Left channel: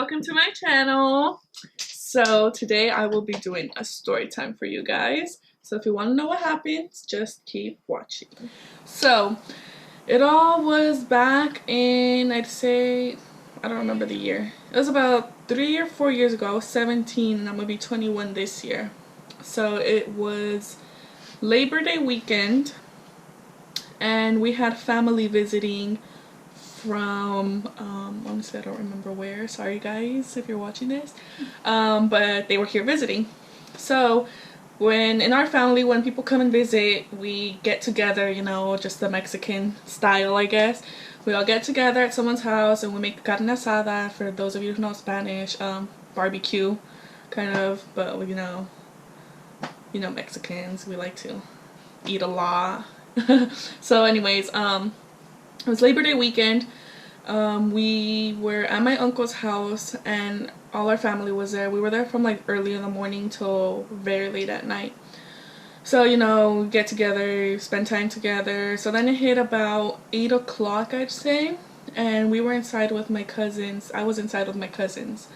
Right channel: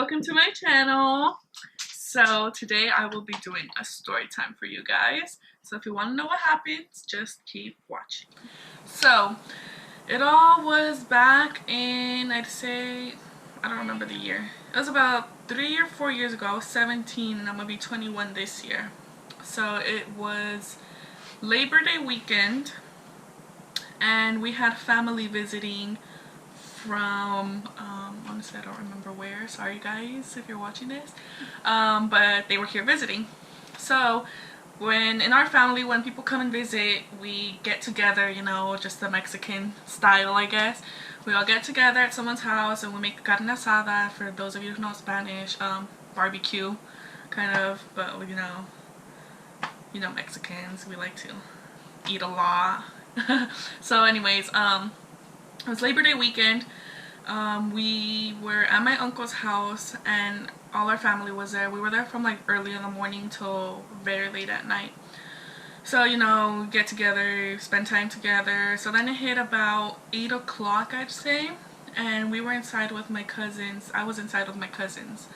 welcome to my channel. So today I will be doing a story time for you guys. So if you want to know what happens, just keep watching. So it all was back in, I'd say, I don't remember the year. It was about 3 or 4 years ago. I was 17 and I'm gonna be 21 this year. So it was Labor Day weekend and we had family visiting from honestly I don't remember where, sorry guys if you're watching this, but they were here visiting. So when in our family, when people come and visit, we get together, you know, just the Mexican style, I guess. We all get together at someone's house and we make carne asada. For those of you who know Spanish, barbecue kind of, but you know Mexicans, we like to eat a lot. So anyways, it was Labor Day weekend. We were at my uncle's house and all our family was there. We were there from like early in the morning till very late at night. So, you know, get together, spend time together. So then it hit about 8 o'clock, I'd say. And we were inside with my cousins. I was inside with my cousins,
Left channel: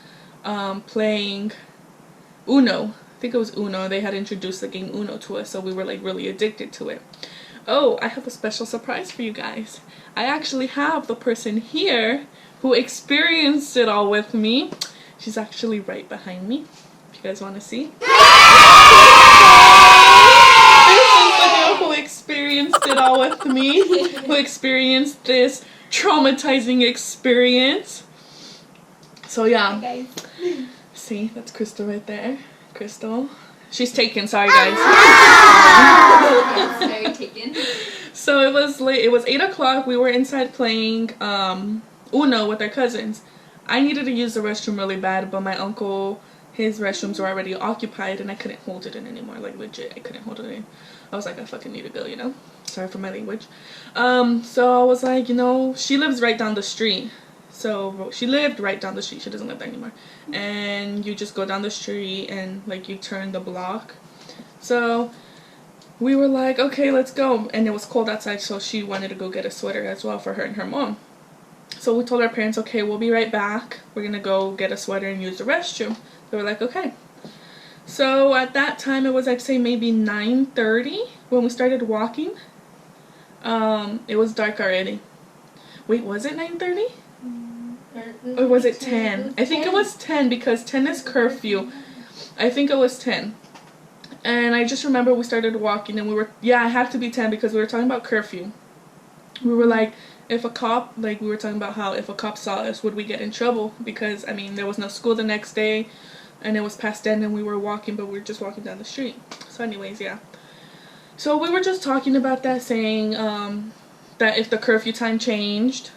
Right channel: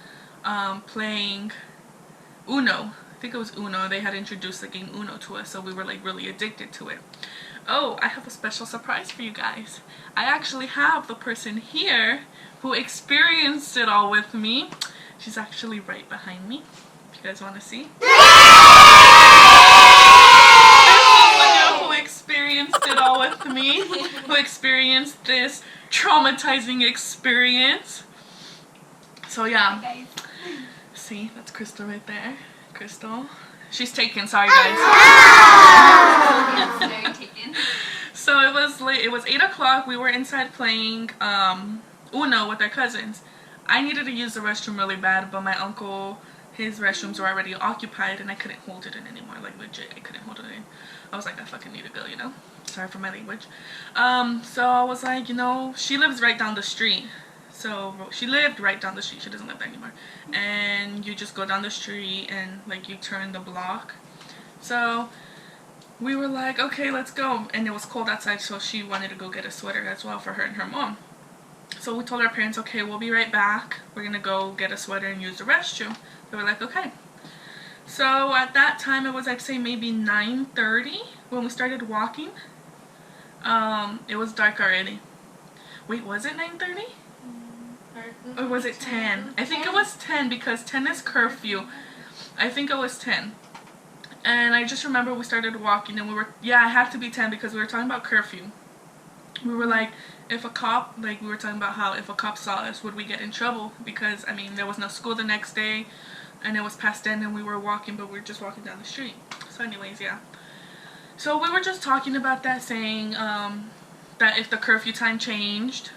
playing Uno. I think it was Uno. They had introduced the game Uno to us, so we were like really addicted to it. Oh, I have a special surprise for you guys. I actually have the person here who experienced it all with me. She's actually right behind me, if you guys want to see. This is the girl who experienced it all with me, who experienced this traumatizing experience. So yeah. Hi guys. See, that's Crystal right there. Crystal. She's taken, sorry guys. Yes, very taken. So it was late. It was 8 o'clock. We were inside playing Uno with our cousins. I needed to use the restroom really bad, but my uncle, his restrooms were already occupied and I couldn't hold it in anymore. Like legit, I couldn't hold it in. I was like, I fucking need to go, you know? Sorry for my language. So I was like, you know, she lives right down the street. So she lived right down the street. She doesn't live there anymore. And you just go down the street and like you turn the block. So we were like, okay, let's go. And it was cold outside, so she wanted to go get a sweater as well for her and her mom. So we told our parents, okay, we'll be right back. We're gonna go get a sweater and use the restroom. They were like, okay. So at that time, it was, I'd say maybe 9:30 when we started walking. It was dark already. Wait, was it 9:30? Or was it 10? I think it was 10 because 10 is curfew. I think it was 10. And I just remember we started walking and we were, yeah, it had to be 10 because we were talking about curfew. We were like, if a cop, like we were talking about how if a cop saw us, would we get in trouble? Because, I mean, there was no school the next day and it was past 10 and we were walking, but we were just walking down the street. So anyways, yeah. So we were just talking about that, saying that if the curfew time changed,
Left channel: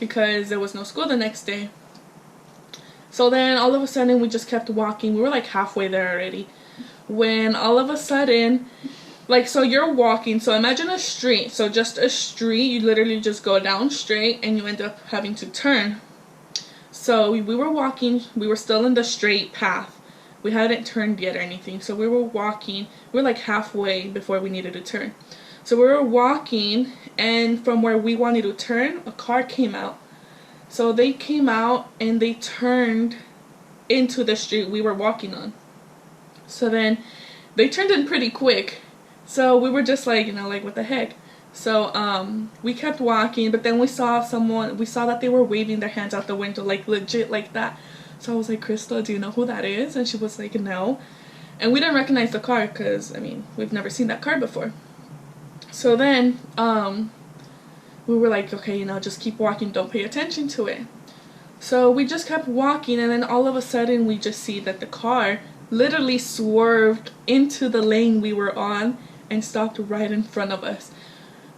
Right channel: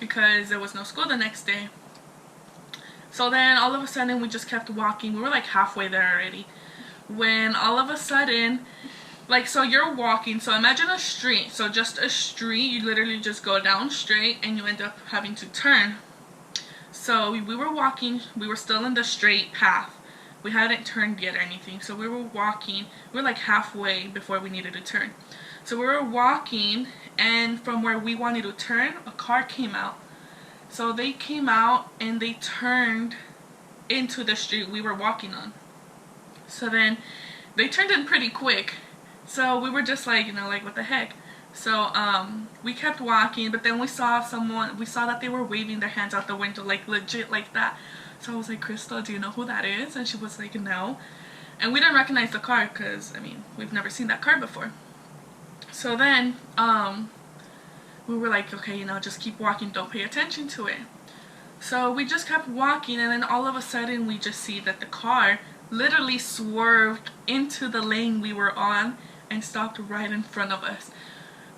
because there was no school the next day. So then all of a sudden we just kept walking. We were like halfway there already. When all of a sudden, like, so you're walking, so imagine a street. So just a street, you literally just go down straight and you end up having to turn. So we were walking, we were still in the straight path. We hadn't turned yet or anything. So we were walking, we were like halfway before we needed to turn. So we were walking, and from where we wanted to turn, a car came out. So they came out and they turned into the street we were walking on. So then they turned in pretty quick. So we were just like, you know, like what the heck. So we kept walking, but then we saw that they were waving their hands out the window, like legit like that. So I was like, Crystal, do you know who that is? And she was like, no. And we didn't recognize the car because, I mean, we've never seen that car before. So then, we were like, okay, you know, just keep walking, don't pay attention to it. So we just kept walking, and then all of a sudden, we just see that the car literally swerved into the lane we were on and stopped right in front of us.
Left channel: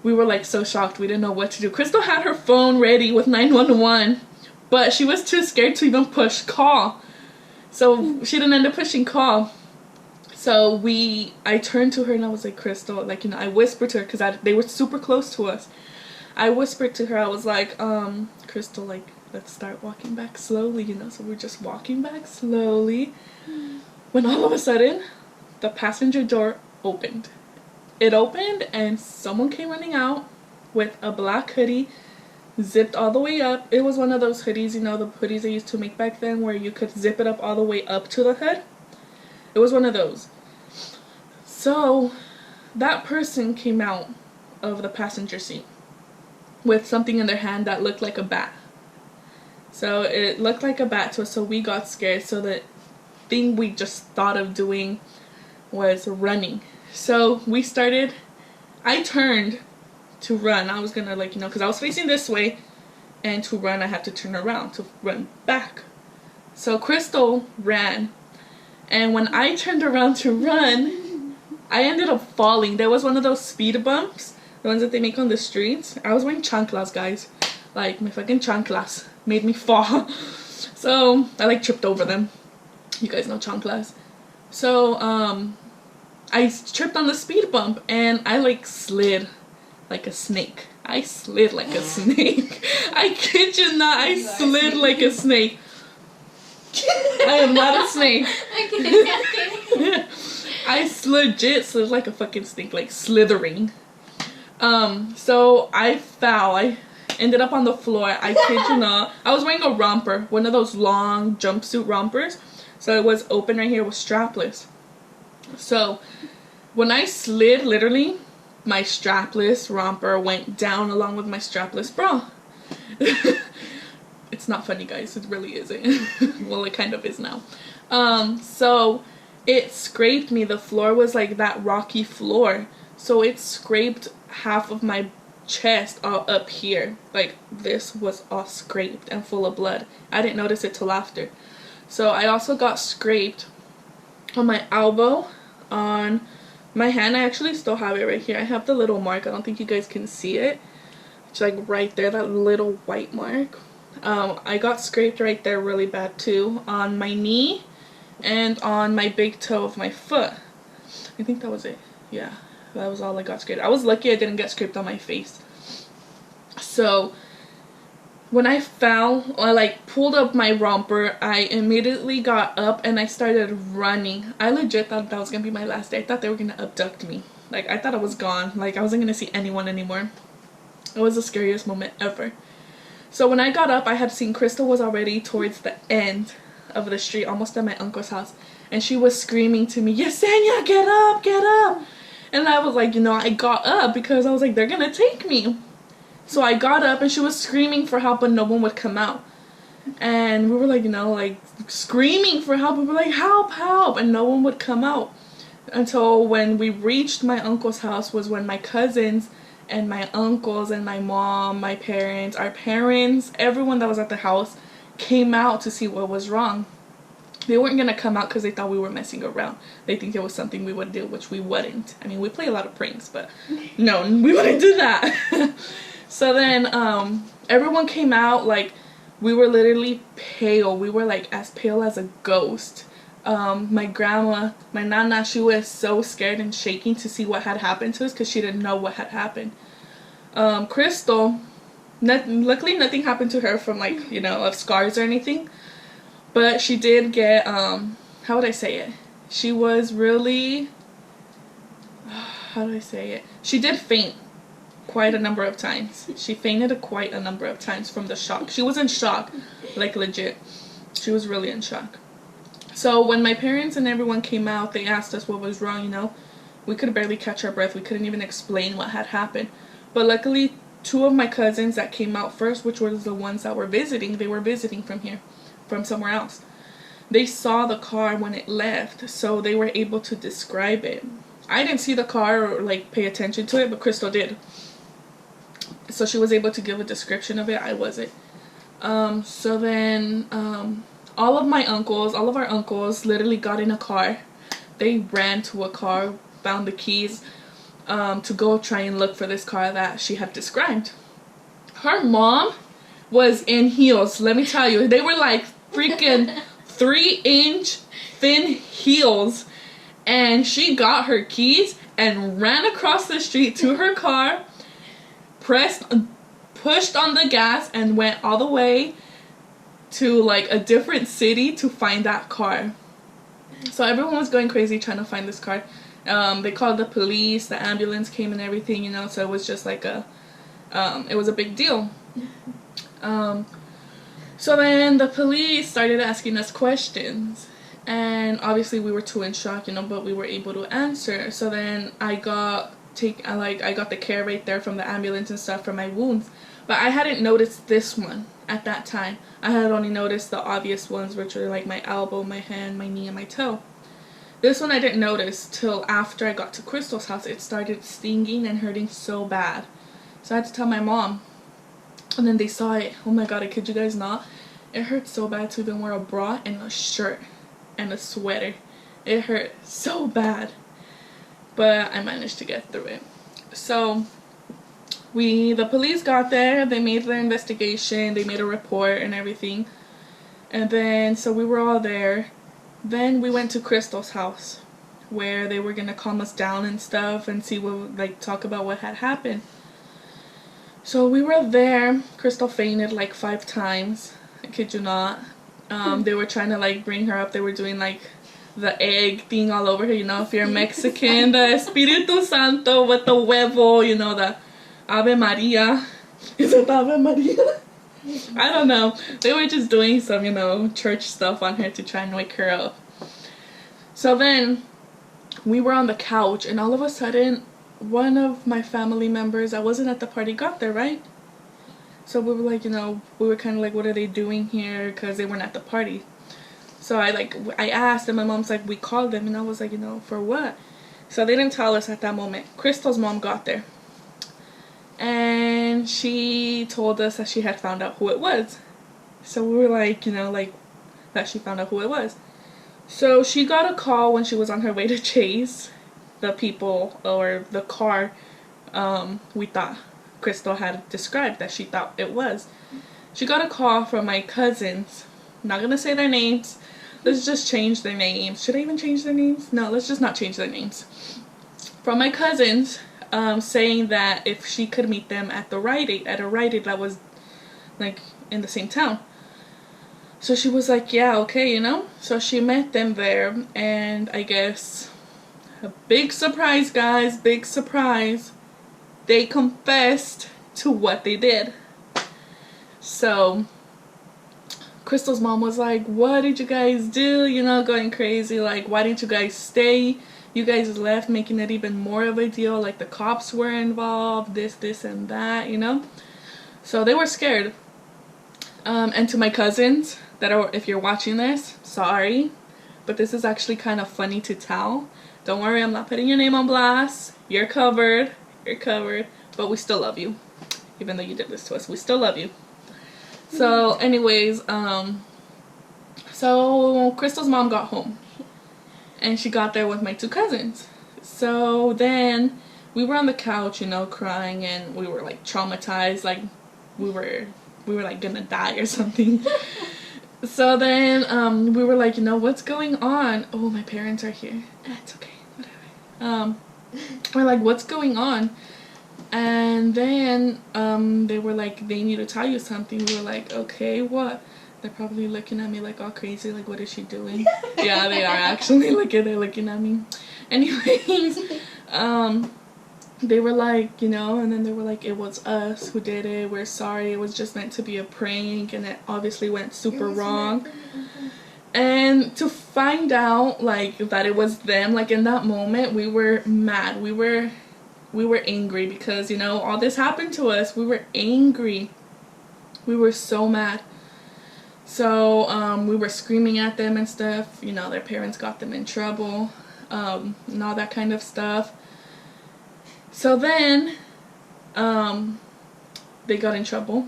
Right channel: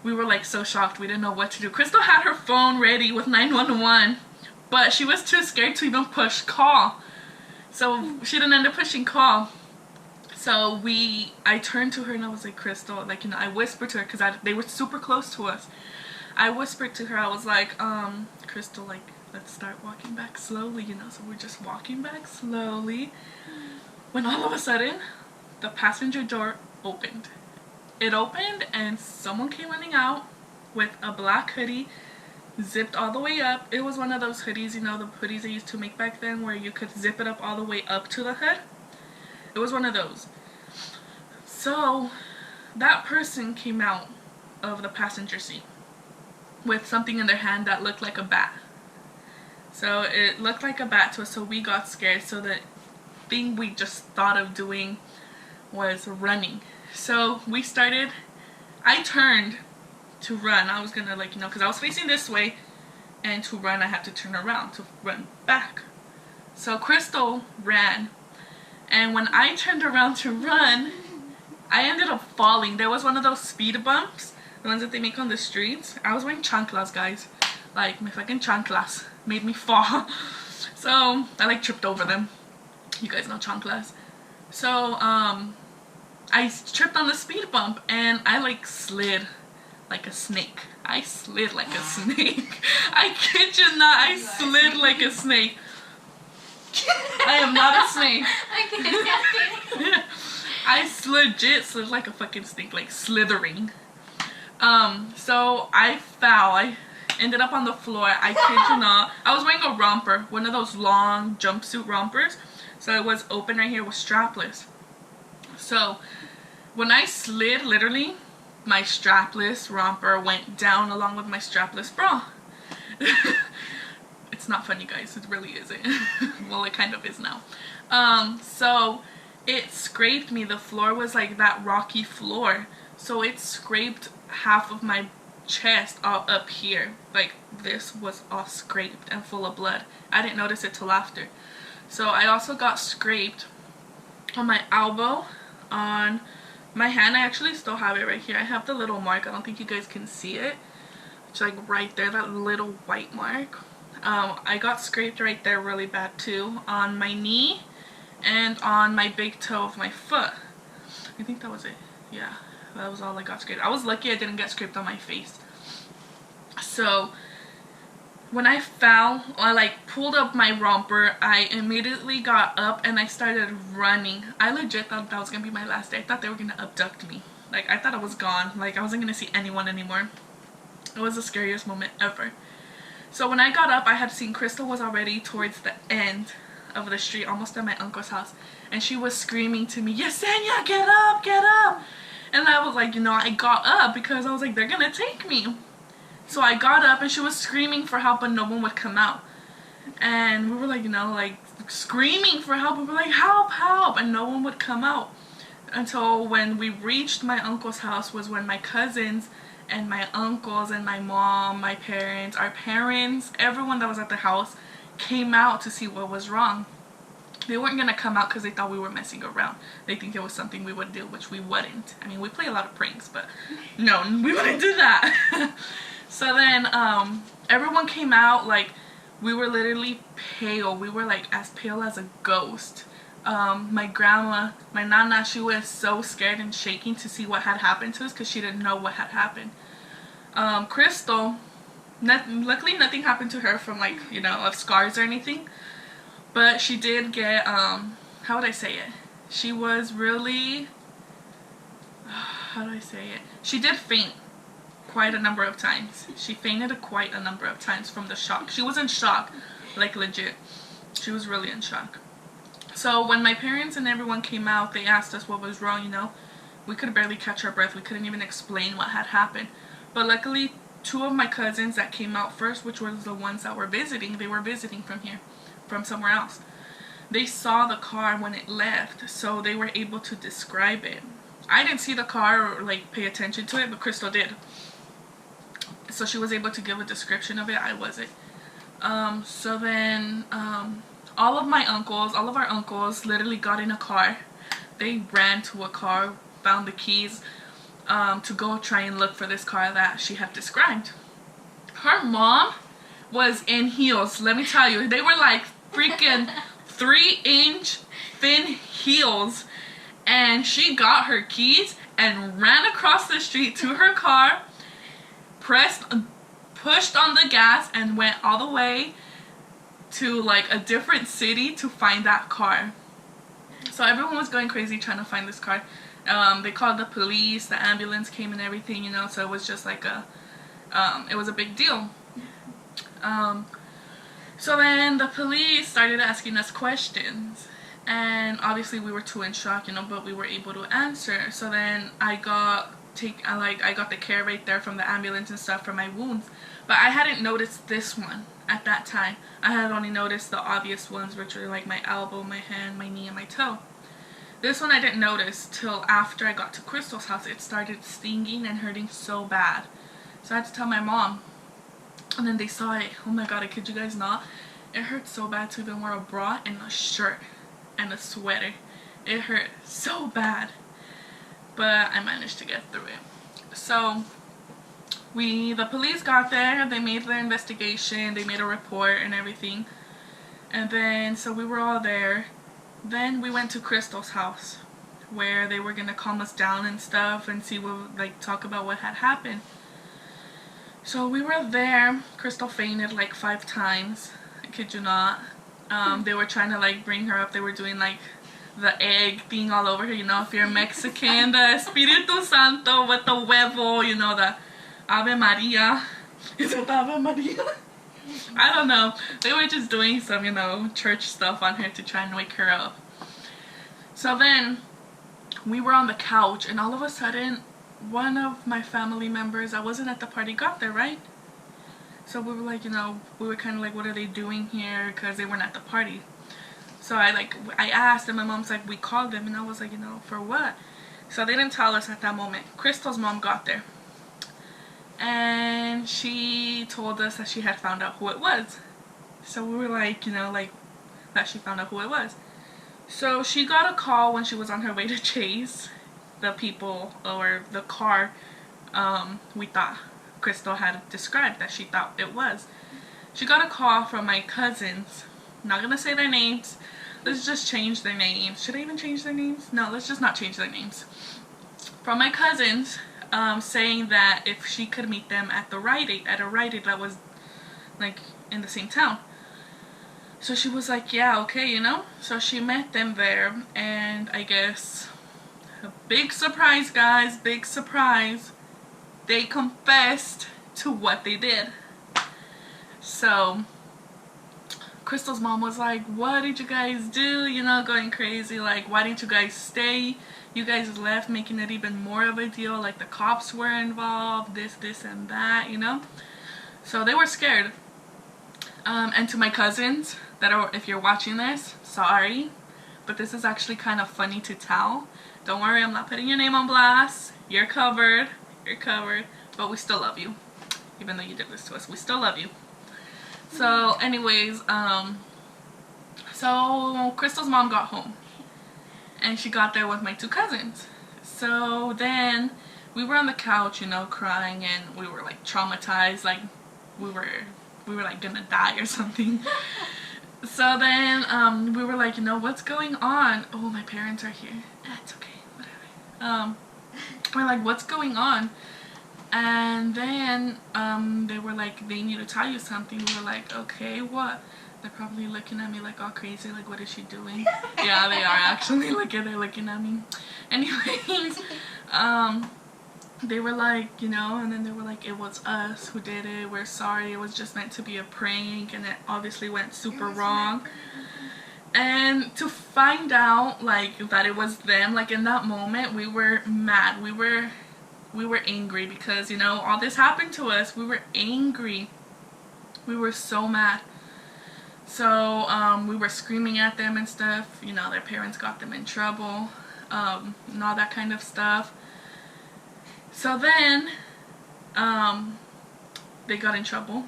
We were like so shocked, we didn't know what to do. Crystal had her phone ready with 911, but she was too scared to even push call. So she didn't end up pushing call. So I turned to her and I was like, Crystal, like, you know, I whispered to her because they were super close to us. I whispered to her, I was like, Crystal, like, let's start walking back slowly, you know. So we're just walking back slowly when all of a sudden the passenger door opened. It opened and someone came running out with a black hoodie zipped all the way up. It was one of those hoodies, you know, the hoodies they used to make back then where you could zip it up all the way up to the hood. It was one of those. So that person came out of the passenger seat with something in their hand that looked like a bat. So it looked like a bat to us, so we got scared. So the thing we just thought of doing was running. So I turned to run. I was gonna, like, you know, because I was facing this way, and to run I had to turn around to run back. So Crystal ran, and when I turned around to run, I ended up falling. There was one of those speed bumps, the ones that they make on the streets. I was wearing chanclas, guys. Like, my fucking chanclas made me fall. So I like tripped over them. You guys know chanclas. So I tripped on the speed bump and I like slid like a snake. I slid like a snake. I kid you not, I slid like a snake. I am not a snake. I legit slid like a fucking snake, like slithering. So I fell. I ended up on the floor. I kid you not. I was wearing a romper, one of those long jumpsuit rompers. So it was open right here, it was strapless. So when I slid, literally, my strapless romper went down along with my strapless bra. It's not funny, guys. It really isn't. Well, it kind of is now. So it scraped me. The floor was like that rocky floor. So it scraped half of my chest all up here. Like, this was all scraped and full of blood. I didn't notice it till after. So I also got scraped on my elbow, on my hand. I actually still have it right here. I have the little mark. I don't think you guys can see it. It's like right there, that little white mark. I got scraped right there really bad too, on my knee and on my big toe of my foot. I think that was it. Yeah, that was all I got scraped. I was lucky I didn't get scraped on my face. So when I fell, I like pulled up my romper. I immediately got up and I started running. I legit thought that was gonna be my last day. I thought they were gonna abduct me. Like, I thought I was gone. Like, I wasn't gonna see anyone anymore. It was the scariest moment ever. So when I got up, I had seen Crystal was already towards the end of the street, almost at my uncle's house, and she was screaming to me, "Yesenia, get up, get up!" And I was like, you know, I got up because I was like, they're gonna take me. So I got up and she was screaming for help, but no one would come out. And we were like, you know, like screaming for help. We were like, help, help, and no one would come out. Until when we reached my uncle's house was when my cousins and my uncles and my mom, my parents, our parents, everyone that was at the house came out to see what was wrong. They weren't going to come out because they thought we were messing around. They think it was something we would do, which we wouldn't. I mean, we play a lot of pranks, but no, we wouldn't do that. So then everyone came out. Like, we were literally pale. We were like as pale as a ghost. My grandma, my nana, she was so scared and shaking to see what had happened to us because she didn't know what had happened. Crystal, luckily nothing happened to her from, like, you know, of scars or anything, but she did get, how would I say it? She was really, how do I say it? She did faint quite a number of times. She fainted quite a number of times from the shock. She was in shock, like legit. She was really in shock. So when my parents and everyone came out, they asked us what was wrong, you know. We could barely catch our breath. We couldn't even explain what had happened. But luckily, two of my cousins that came out first, which were the ones that were visiting, they were visiting from here, from somewhere else. They saw the car when it left, so they were able to describe it. I didn't see the car or, like, pay attention to it, but Crystal did. So she was able to give a description of it. I wasn't. So then, all of our uncles literally got in a car. They ran to a car, found the keys, to go try and look for this car that she had described. Her mom was in heels. Let me tell you, they were like freaking 3-inch thin heels. And she got her keys and ran across the street to her car, pushed on the gas, and went all the way to like a different city to find that car. So everyone was going crazy trying to find this car. They called the police, the ambulance came and everything, you know, so it was just like It was a big deal. So then the police started asking us questions, and obviously we were too in shock, but we were able to answer. So then I got the care right there from the ambulance and stuff for my wounds, but I hadn't noticed this one at that time. I had only noticed the obvious ones, which were like my elbow, my hand, my knee, and my toe. This one I didn't notice till after I got to Crystal's house. It started stinging and hurting so bad, so I had to tell my mom. And then they saw it. Oh my god, I kid you guys not. It hurt so bad to even wear a bra and a shirt and a sweater. It hurt so bad. But I managed to get through it. So the police got there. They made their investigation. They made a report and everything. And then, so we were all there. Then we went to Crystal's house, where they were going to calm us down and stuff and see what, talk about what had happened. So we were there. Crystal fainted 5 times. I kid you not. They were trying to bring her up. They were doing the egg thing all over her. If you're Mexican, the Espíritu Santo with the huevo. The Ave Maria. Is it Ave Maria? I don't know. They were just doing some, church stuff on her to try and wake her up. So then we were on the couch, and all of a sudden, one of my family members, I wasn't at the party, got there, right? So we were we were kind of what are they doing here? Because they weren't at the party. So I asked, and my mom's we called them, and I was for what? So they didn't tell us at that moment. Crystal's mom got there, and she told us that she had found out who it was. So we were that she found out who it was. So she got a call when she was on her way to chase the people, or the car we thought Crystal had described that she thought it was. She got a call from my cousins. I'm not gonna say their names. Let's just change their names. Should I even change their names? No, let's just not change their names. From my cousins, saying that if she could meet them at a Rite Aid that was in the same town. So she was yeah, okay, So she met them there, and I guess a big surprise, guys, big surprise. They confessed to what they did. So Crystal's mom was what did you guys do? Going crazy. Why didn't you guys stay? You guys left, making it even more of a deal. The cops were involved, this, and that, So they were scared. And to my cousins that are, if you're watching this, sorry. But this is actually kind of funny to tell. Don't worry, I'm not putting your name on blast. You're covered. You're covered. But we still love you. Even though you did this to us, we still love you. So, anyways, so Crystal's mom got home. And she got there with my 2 cousins. So then we were on the couch, crying, and we were traumatized. We were gonna die or something. So then we were what's going on? Oh, my parents are here. It's okay, whatever. We're what's going on? And then they were they need to tell you something. We were okay, what? They're probably looking at me all crazy, what is she doing? Yeah, they are actually. They're looking at me. Anyways, they were and then they were it was us who did it. We're sorry. It was just meant to be a prank, and it obviously went super wrong. And to find out that it was them, in that moment, we were mad. We were angry because all this happened to us. We were angry. We were so mad. So we were screaming at them and stuff. Their parents got them in trouble, and all that kind of stuff. So then they got in trouble.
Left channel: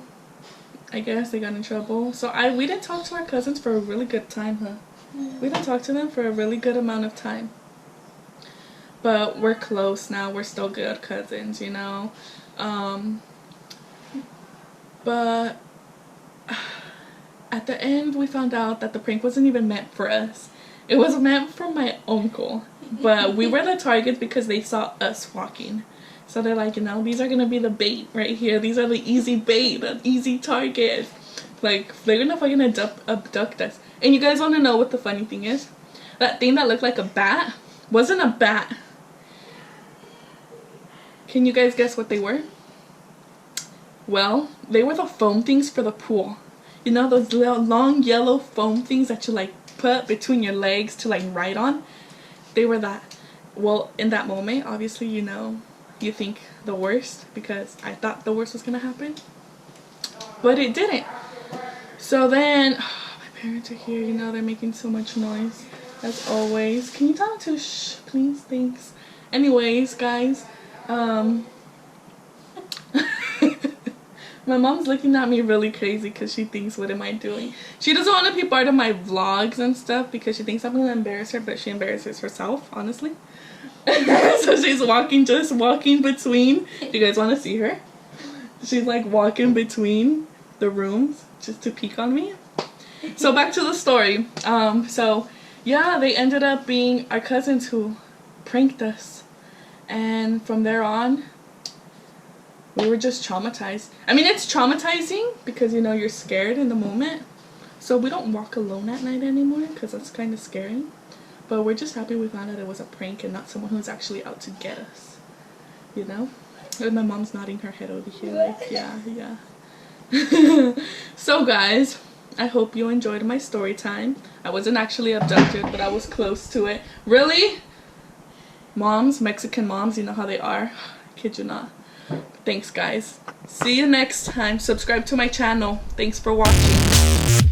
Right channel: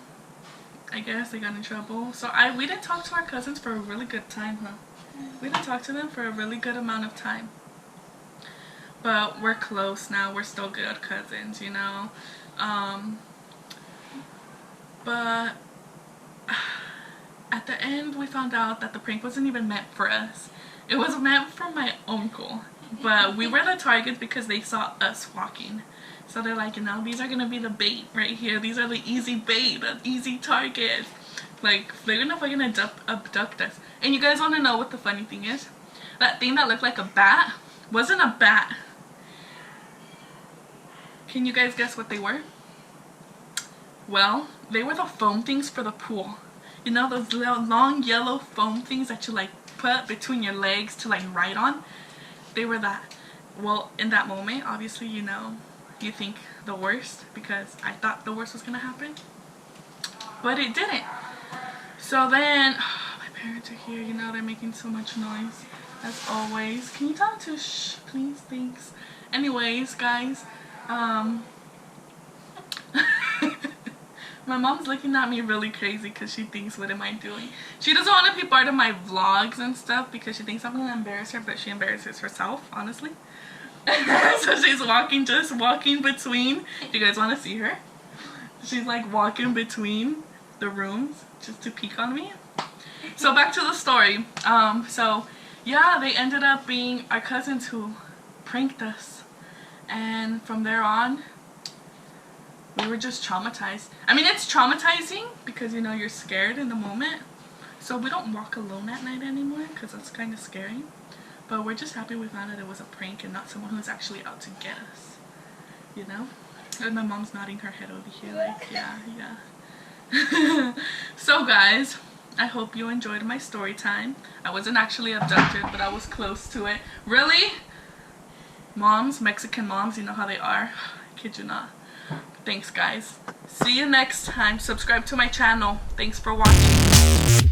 I guess they got in trouble. So we didn't talk to our cousins for a really good time, huh? We didn't talk to them for a really good amount of time. But we're close now. We're still good cousins, But at the end, we found out that the prank wasn't even meant for us. It was meant for my uncle. But we were the target because they saw us walking. So they're these are going to be the bait right here. These are the easy bait, the easy target. They're going to fucking abduct us. And you guys want to know what the funny thing is? That thing that looked like a bat wasn't a bat. Can you guys guess what they were? Well, they were the foam things for the pool. You know those little long yellow foam things that you like put between your legs to like ride on? They were that. Well, in that moment, obviously, you know, you think the worst because I thought the worst was gonna happen. But it didn't. So then, my parents are here, you know, they're making so much noise, as always. Can you tell them to shh, please? Thanks. Anyways, guys, my mom's looking at me really crazy because she thinks, what am I doing? She doesn't want to be part of my vlogs and stuff because she thinks I'm going to embarrass her, but she embarrasses herself, honestly. So she's just walking between. Do you guys want to see her? She's like walking between the rooms just to peek on me. So back to the story. So yeah, they ended up being our cousins who pranked us. And from there on, we were just traumatized. I mean, it's traumatizing because, you know, you're scared in the moment. So we don't walk alone at night anymore because that's kind of scary. But we're just happy we found out it was a prank and not someone who's actually out to get us. You know? And my mom's nodding her head over here like, yeah, yeah. So guys, I hope you enjoyed my story time. I wasn't actually abducted, but I was close to it. Really? Moms, Mexican moms, you know how they are. I kid you not. Thanks guys. See you next time. Subscribe to my channel. Thanks for watching.